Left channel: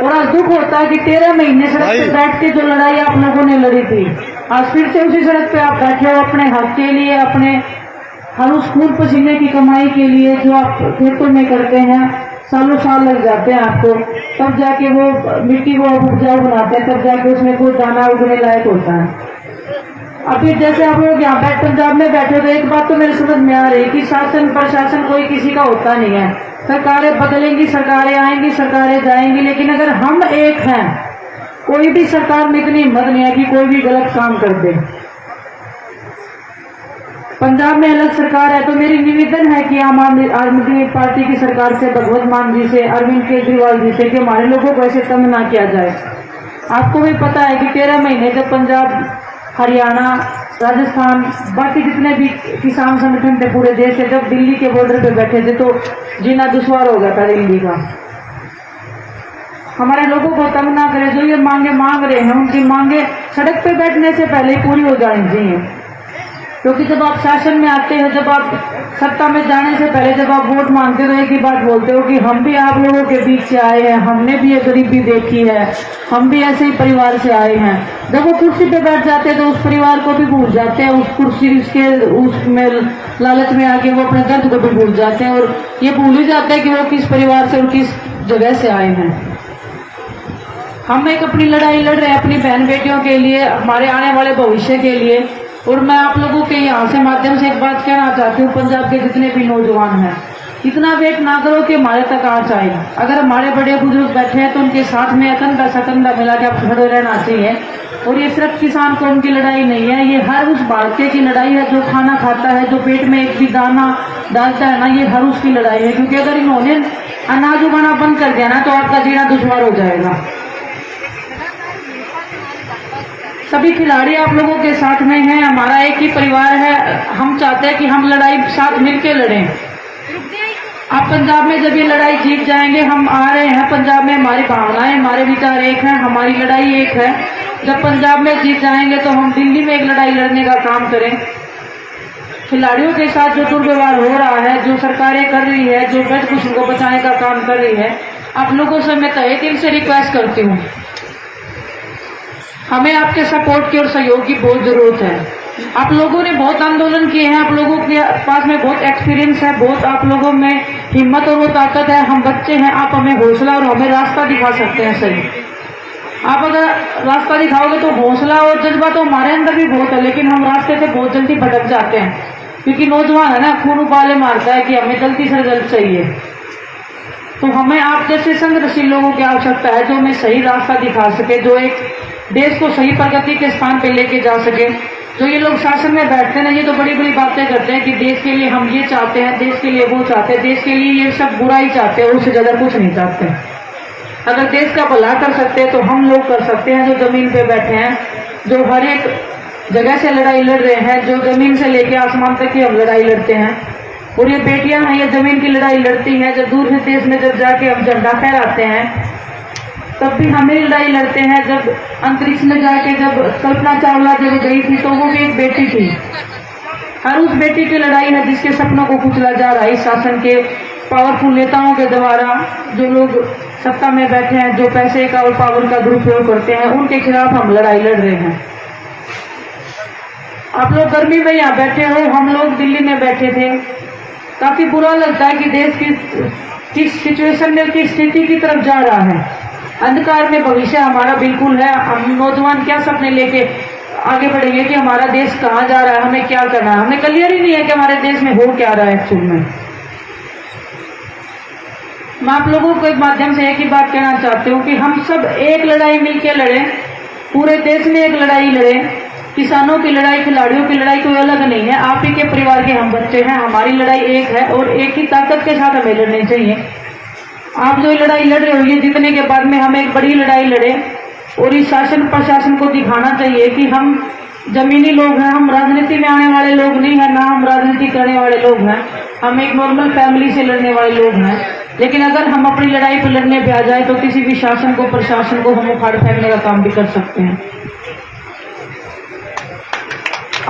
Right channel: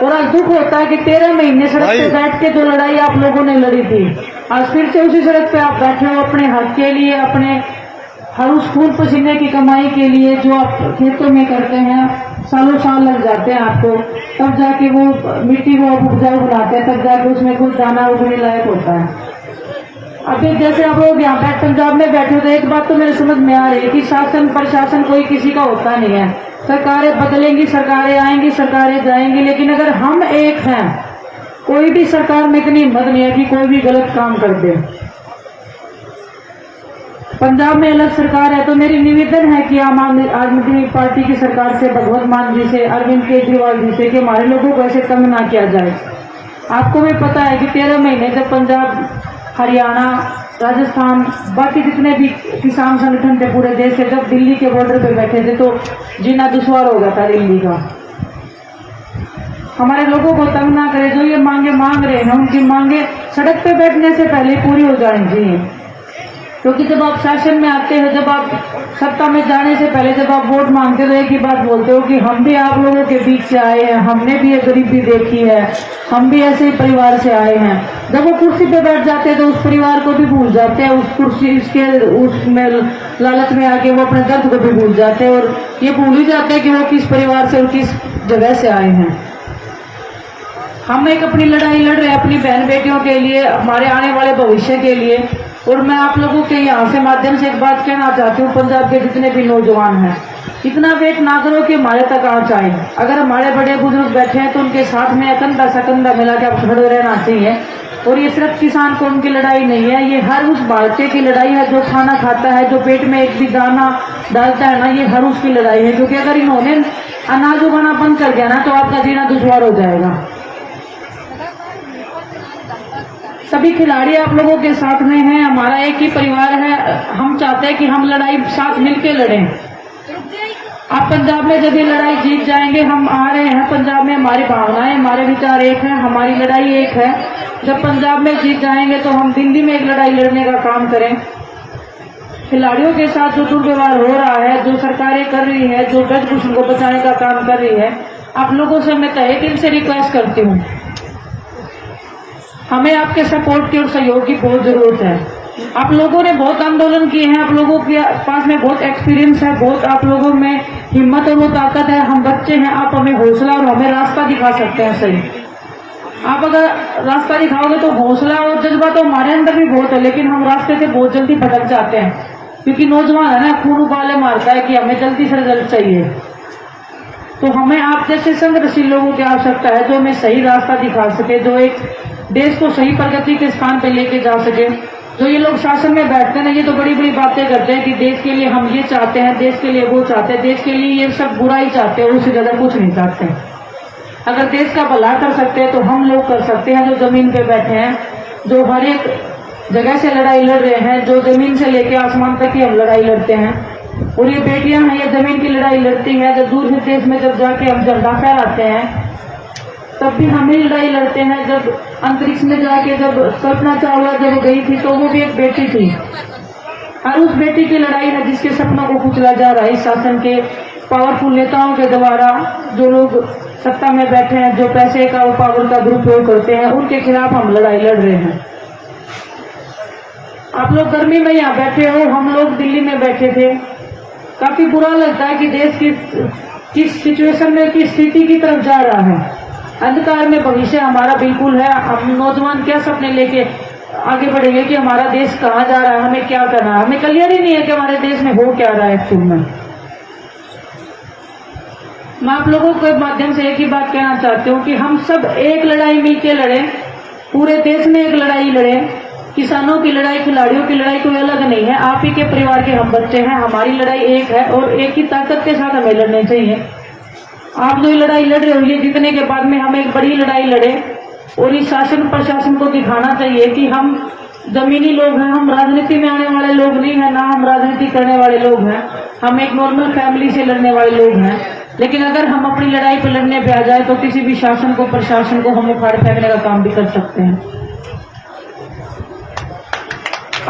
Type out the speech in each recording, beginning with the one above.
और आज दुख होता है कि 13 महीने सड़क पे बैठ के जो लड़ाई आप लोगों ने लड़ी थी, आज फिर से उसी सड़क पे आप बैठे हो अपने हक के लिए, अपने हर उस खून पसीने की कमाई के लिए जो आप खेतों में करते हैं। सालों साल लग जाते हैं आपको, तब जाके वो मिट्टी को उपजाऊ बनाते हैं, तब जाके उसमें कोई दाना उगने लायक होता है। अभी जैसे आप लोग यहाँ पे पंजाब में बैठे हो तो एक बात तो मेरे समझ में आ रही है कि शासन प्रशासन कोई किसी का होता नहीं है। सरकारें बदलेंगी, सरकारें आएंगी, सरकारें जाएंगी, लेकिन अगर हम एक हैं, कोई भी सरकार में इतनी हिम्मत नहीं है कि कोई भी गलत काम कर दे। पंजाब में अलग सरकार है, तो मेरी निवेदन है कि आम आदमी पार्टी की सरकार से, भगवंत मान जी से, अरविंद केजरीवाल जी से, कि हमारे लोगों को ऐसे तंग ना किया जाए। आपको भी पता है कि 13 महीने जब पंजाब, हरियाणा, राजस्थान, बाकी जितने भी किसान संगठन थे पूरे देश से, जब दिल्ली के बॉर्डर पे बैठे थे तो जीना दुश्वार हो गया था दिल्ली का। हमारे लोगों को तंग ना करे, जो ये मांगे मांग रहे हैं उनकी मांगे सड़क पे बैठने से पहले पूरी हो जाएंगी। क्योंकि जब आप शासन में आते हो, जब आप सत्ता में जाने से पहले जब आप वोट मांगते हो, एक ही बात बोलते हो कि हम भी आप लोगों के बीच से आए हैं, हमने भी ये गरीबी देखी है, हम भी ऐसे ही परिवार से आए हैं। जब वो कुर्सी पे बैठ जाते हैं तो उस परिवार को भी भूल जाते हैं, उस कुर्सी इसके उसमें लालच में आके वो अपने दर्द को भी भूल जाते हैं, और ये भूल ही जाते हैं कि वो किस परिवार से और किस जगह से आए हैं। हम एक अपनी लड़ाई लड़ रहे हैं अपनी बहन बेटियों के लिए, हमारे आने वाले भविष्य के लिए। और मैं आप लोगों के यहाँ से माध्यम से एक बात कहना चाहती हूँ, पंजाब के जितने भी नौजवान हैं, इतना वेट ना करो कि हमारे तक आ जाए। अगर हमारे बड़े बुजुर्ग बैठे हैं तो उनके साथ में कंधा सा कंधा मिला के आप खड़े रहना चाहिए। और ये सिर्फ किसान कौम की लड़ाई नहीं है, ये हर उस भारतीय की लड़ाई है जो खाना खाता है, जो पेट में एक भी दाना डालता है ना, ये हर उसकी लड़ाई है। क्योंकि अगर इन्होंने अनाज उगाना बंद कर दिया ना तो आपका जीना दुश्वार हो जाएगा। सभी खिलाड़ी आप लोगों के साथ में हैं, हमारा एक ही परिवार है। हम चाहते हैं कि हम लड़ाई साथ मिलकर लड़ें। आप पंजाब में जब ये लड़ाई जीत जाएंगे, हम आ रहे हैं पंजाब में, हमारी भावनाएं, हमारे विचार एक हैं, हमारी लड़ाई एक है। जब पंजाब में जीत जाएंगे तो हम दिल्ली में एक लड़ाई लड़ने का काम करें। खिलाड़ियों के साथ जो दुर्व्यवहार हो रहा है, जो सरकारें कर रही है, जो ब्रजभूषण को बचाने का काम कर रही है, आप लोगों से मैं तहे दिल से रिक्वेस्ट करती हूँ, हमें आपके सपोर्ट की और सहयोग की बहुत जरूरत है। आप लोगों ने बहुत आंदोलन किए हैं, आप लोगों के पास में बहुत एक्सपीरियंस है, बहुत आप लोगों में हिम्मत और वो ताकत है। हम बच्चे हैं, आप हमें हौसला और हमें रास्ता दिखा सकते हैं। सही, आप अगर रास्ता दिखाओगे तो हौसला और जज्बा तो हमारे अंदर भी बहुत है, लेकिन हम रास्ते से बहुत जल्दी भटक जाते हैं। क्योंकि नौजवान है ना, खून उबाले मारता है कि हमें जल्दी से जल्द चाहिए। तो हमें आप जैसे संघर्षशील लोगों की आवश्यकता है, जो हमें सही रास्ता दिखा सके, जो एक देश को सही प्रगति के स्थान पे लेके जा सके। जो ये लोग शासन में बैठते हैं ना, ये तो बड़ी बड़ी बातें करते हैं कि देश के लिए हम ये चाहते हैं, देश के लिए वो चाहते हैं, देश के लिए ये सब बुरा ही चाहते हैं, उससे ज्यादा कुछ नहीं चाहते। अगर देश का भला कर सकते हैं तो हम लोग कर सकते हैं, जो जमीन पे बैठे हैं, जो हर एक जगह से लड़ाई लड़ रहे हैं, जो जमीन से लेके आसमान तक की हम लड़ाई लड़ते हैं। और ये बेटियां हैं, ये जमीन की लड़ाई लड़ती हैं। जब दूर से देश में जब जाके हम झंडा फहराते हैं तब भी हमें लड़ाई लड़ते हैं। जब अंतरिक्ष में जाके जब कल्पना चावला जब गई थी तो वो भी एक बेटी थी। हर उस बेटी की लड़ाई है जिसके सपनों को कुचला जा रहा है इस शासन के पावरफुल नेताओं के द्वारा। जो लोग सत्ता में बैठे हैं, जो पैसे का और पावर का दुरुपयोग करते हैं, उनके खिलाफ हम लड़ाई लड़ रहे हैं। आप लोग गर्मी में यहाँ बैठे हो, हम लोग दिल्ली में बैठे थे। काफी बुरा लगता है कि देश की किस सिचुएशन में, किस स्थिति की तरफ जा रहा है। अंधकार में भविष्य हमारा बिल्कुल है। हम नौजवान क्या सपने लेके आगे बढ़ेंगे कि हमारा देश कहाँ जा रहा है, हमें क्या करना है। हमें क्लियर ही नहीं है कि हमारे देश में हो क्या रहा है एक्चुअल में। मैं आप लोगों के माध्यम से एक ही बात कहना चाहती हूँ कि हम सब एक लड़ाई मिलकर लड़ें, पूरे देश में एक लड़ाई लड़ें। किसानों की लड़ाई, खिलाड़ियों की लड़ाई कोई अलग नहीं है। आप ही के परिवार के हम बच्चे हैं, हमारी लड़ाई एक है और एक ही ताकत के साथ हमें लड़नी चाहिए। आप जो लड़ाई लड़ रहे हो, ये जीतने के बाद में हम एक बड़ी लड़ाई लड़े और इस शासन प्रशासन को दिखाना चाहिए कि हम जमीनी लोग हैं, हम राजनीति में आने वाले लोग नहीं है, ना हम राजनीति करने वाले लोग हैं। हम एक नॉर्मल फैमिली से लड़ने वाले लोग हैं। लेकिन अगर हम अपनी लड़ाई पर लड़ने पे आ जाए तो किसी भी शासन को, प्रशासन को हम उखाड़ फेंकने का काम भी कर सकते हैं।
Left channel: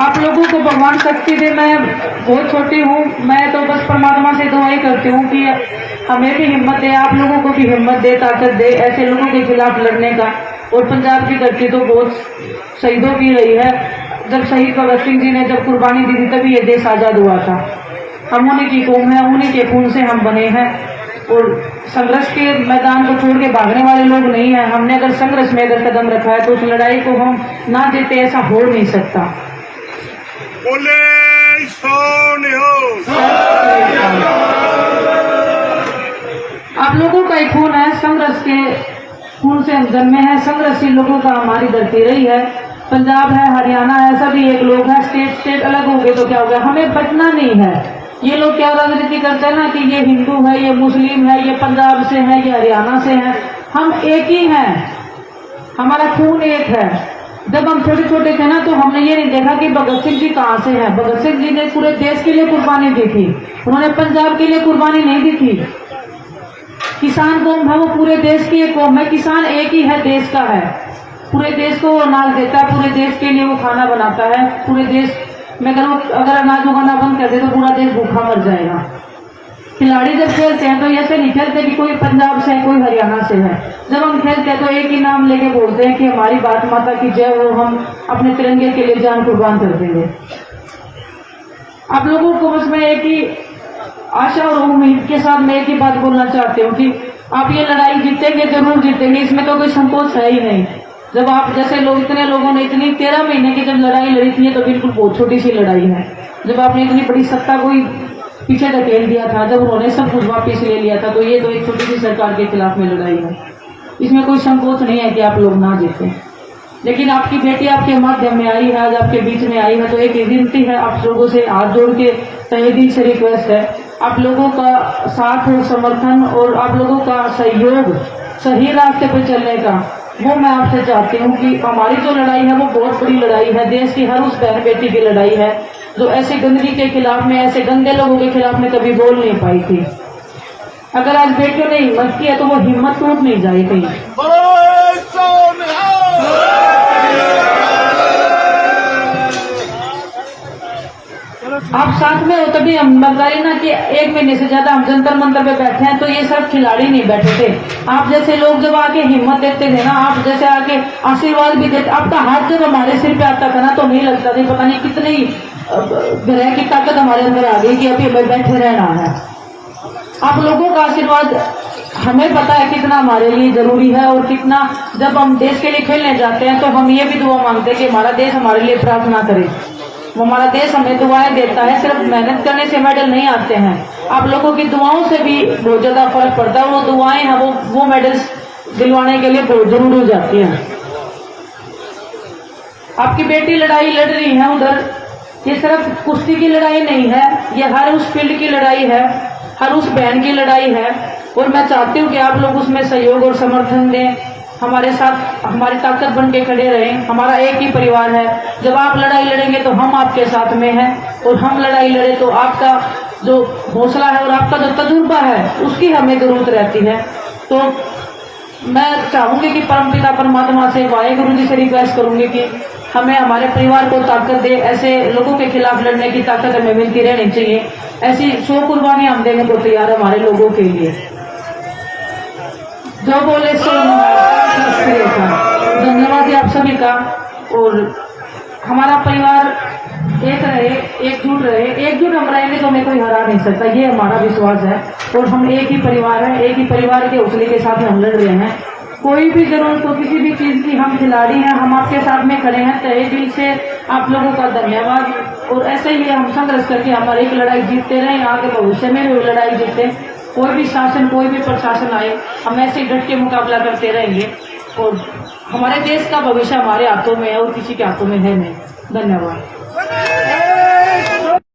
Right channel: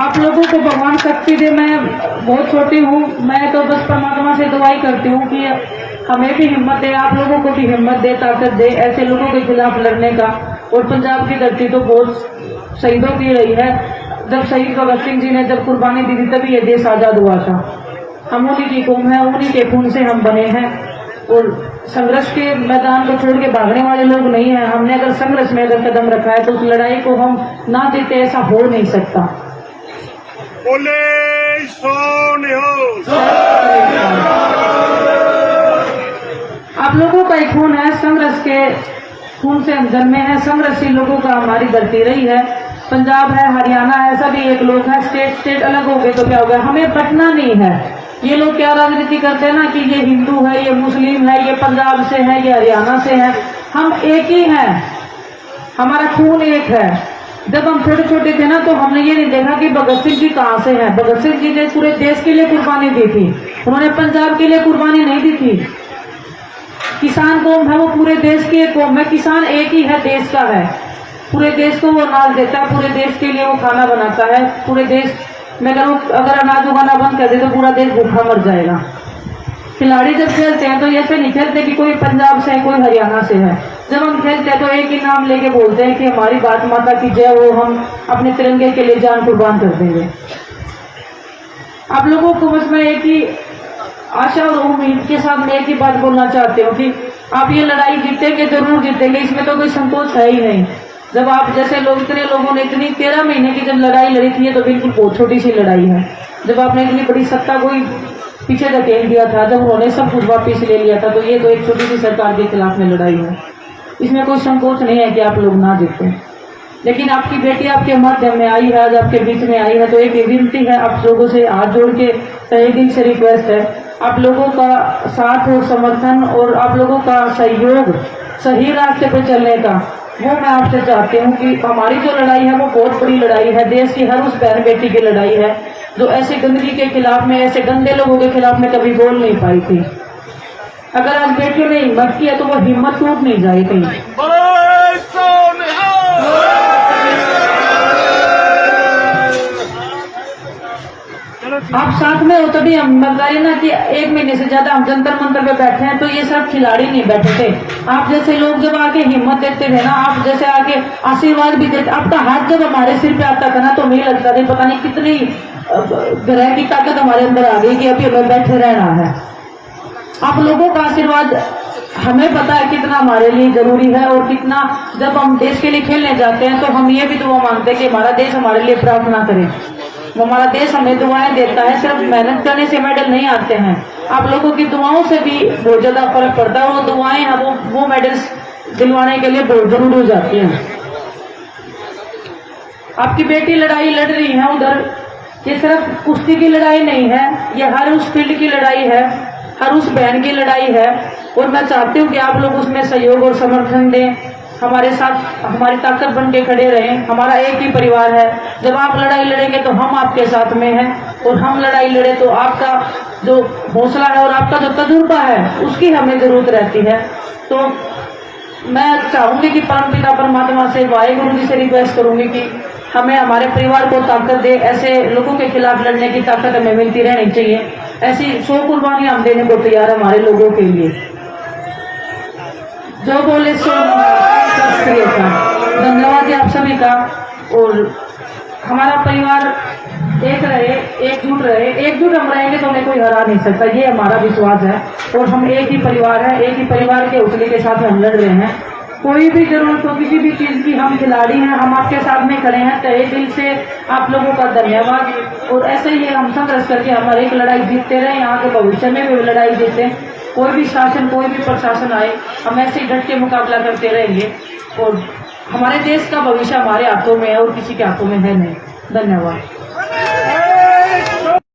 आप लोगों को भगवान शक्ति दे। मैं बहुत छोटी हूँ, मैं तो बस परमात्मा से दुआई करती हूँ कि हमें भी हिम्मत दे, आप लोगों को भी हिम्मत दे, ताकत दे ऐसे लोगों के खिलाफ लड़ने का। और पंजाब की धरती तो बहुत शहीदों की रही है। जब शहीद भगत सिंह जी ने जब कुर्बानी दी थी तभी ये देश आजाद हुआ था। हम उन्हीं की कौम है, उन्हीं के खून से हम बने हैं और संघर्ष के मैदान को छोड़ के भागने वाले लोग नहीं है। हमने अगर संघर्ष में अगर कदम रखा है तो उस लड़ाई को हम ना जीते ऐसा हो नहीं सकता। बोले सोनियो। आप लोगों का एक खून है, संघर्ष के खून से हम जन्मे हैं। संघर्षी लोगों का हमारी धरती रही है। पंजाब है, हरियाणा है, सभी एक लोग हैं। स्टेट अलग हो गए तो क्या हो गया, हमें बचना नहीं है। ये लोग क्या राजनीति करते हैं ना कि ये हिंदू है, ये मुस्लिम है, ये पंजाब से है, ये हरियाणा से है। हम एक ही हैं, हमारा खून एक है। जब हम छोटे छोटे थे ना तो हमने ये नहीं देखा कि भगत सिंह जी कहाँ से हैं। भगत सिंह जी ने पूरे देश के लिए कुर्बानी दी थी, उन्होंने पंजाब के लिए कुर्बानी नहीं दी थी। किसान कौम है, वो पूरे देश की एक कौम है। किसान एक ही है, देश का है, पूरे देश को वो अनाज देता है, पूरे देश के लिए वो खाना बनाता है। पूरे देश में अगर अनाज उगाना बंद कर दे तो पूरा देश भूखा मर जाएगा। खिलाड़ी जब खेलते हैं तो ऐसे नहीं खेलते कि कोई पंजाब से है, कोई हरियाणा से है। जब हम खेलते हैं तो एक ही नाम लेके बोलते हैं कि हमारी भारत माता की जय, वो हम अपने तिरंगे के लिए जान कुर्बान कर देंगे। आप लोगों को बस मैं एक ही आशा और उम्मीद के साथ मैं एक ही बात बोलना चाहती हूँ कि आप ये लड़ाई जीतेंगे, जरूर जीतेंगे, इसमें तो कोई संकोच है ही नहीं। जब आप जैसे लोग, इतने लोगों ने इतनी 13 महीने की जब लड़ाई लड़ी थी तो बिल्कुल बहुत छोटी सी लड़ाई है। जब आपने इतनी बड़ी सत्ता को ही पीछे धकेल दिया था, जब उन्होंने सब कुछ वापिस ले लिया था, तो ये तो एक छोटी सी सरकार के खिलाफ में लड़ाई है। इसमें कोई संकोच नहीं है कि आप लोग ना जीतें। लेकिन आपकी बेटी आपके माध्यम में आई है, आज आपके बीच में आई है, तो एक विनती है आप लोगों से, हाथ जोड़ के तहे दिल से रिक्वेस्ट है, आप लोगों का साथ और समर्थन और आप लोगों का सहयोग सही रास्ते पर चलने का, वो मैं आपसे चाहती हूँ कि हमारी जो लड़ाई है वो बहुत बड़ी लड़ाई है। देश की हर उस बहन बेटी की लड़ाई है जो ऐसी गंदगी के खिलाफ में, ऐसे गंदे लोगों के खिलाफ में कभी बोल नहीं पाई थी। अगर आज बेटियों ने हिम्मत किया तो वो हिम्मत टूट नहीं जाएगी। आप साथ में हो तभी हम बताइए ना कि 1 महीने से ज्यादा हम जंतर मंतर पे बैठे हैं तो ये सब खिलाड़ी नहीं बैठे थे। आप जैसे लोग जब आके हिम्मत देते थे ना, आप जैसे आके आशीर्वाद भी देते, आपका हाथ जब हमारे सिर पे आता था ना तो नहीं लगता था पता नहीं कितनी ग्रह की ताकत हमारे अंदर आ गई कि अभी हमें बैठे रहना है। आप लोगों का आशीर्वाद हमें पता है कितना हमारे लिए जरूरी है और कितना, जब हम देश के लिए खेलने जाते हैं तो हम ये भी दुआ मांगते हैं कि हमारा देश हमारे लिए प्रार्थना करे। वो हमारा देश हमें दुआएं देता है, सिर्फ मेहनत करने से मेडल नहीं आते हैं। आप लोगों की दुआओं से भी बहुत ज्यादा फर्क पड़ता है। वो दुआएं हैं वो मेडल्स दिलवाने के लिए बहुत जरूरी हो जाती हैं। आपकी बेटी लड़ाई लड़ रही है उधर, ये सिर्फ कुश्ती की लड़ाई नहीं है, ये हर उस फील्ड की लड़ाई है, हर उस बहन की लड़ाई है। और मैं चाहती हूँ कि आप लोग उसमें सहयोग और समर्थन दें, हमारे साथ हमारी ताकत बन के खड़े रहें। हमारा एक ही परिवार है, जब आप लड़ाई लड़ेंगे तो हम आपके साथ में हैं, और हम लड़ाई लड़े तो आपका जो हौसला है और आपका जो तजुर्बा है उसकी हमें जरूरत रहती है। तो मैं चाहूंगी कि परमपिता परमात्मा से, वाहेगुरु जी से रिक्वेस्ट करूंगी कि हमें हमारे परिवार को ताकत दे, ऐसे लोगों के खिलाफ लड़ने की ताकत हमें मिलती रहनी चाहिए। ऐसी 100 कुर्बानियां हम देने को तैयार हमारे लोगों के लिए। जो बोले सो का धन्यवाद जी आप सभी का। और हमारा परिवार एक रहे, एकजुट रहे, एकजुट हम रहेंगे तो हमें कोई हरा नहीं सकता, ये हमारा विश्वास है। और हम एक ही परिवार है, एक ही परिवार के हौसले के साथ हम लड़ रहे हैं। कोई भी जरूरत हो किसी भी चीज की, हम खिलाड़ी हैं, हम आपके साथ में खड़े हैं। तहे दिल से आप लोगों का धन्यवाद। और ऐसे ही हम संघर्ष करके हमारी एक लड़ाई जीतते रहे, आगे भविष्य में भी वो लड़ाई जीते। कोई भी शासन, कोई भी प्रशासन आए, हम ऐसे डट के मुकाबला करते रहेंगे। और हमारे देश का भविष्य हमारे हाथों में है और किसी के हाथों में है नहीं। धन्यवाद।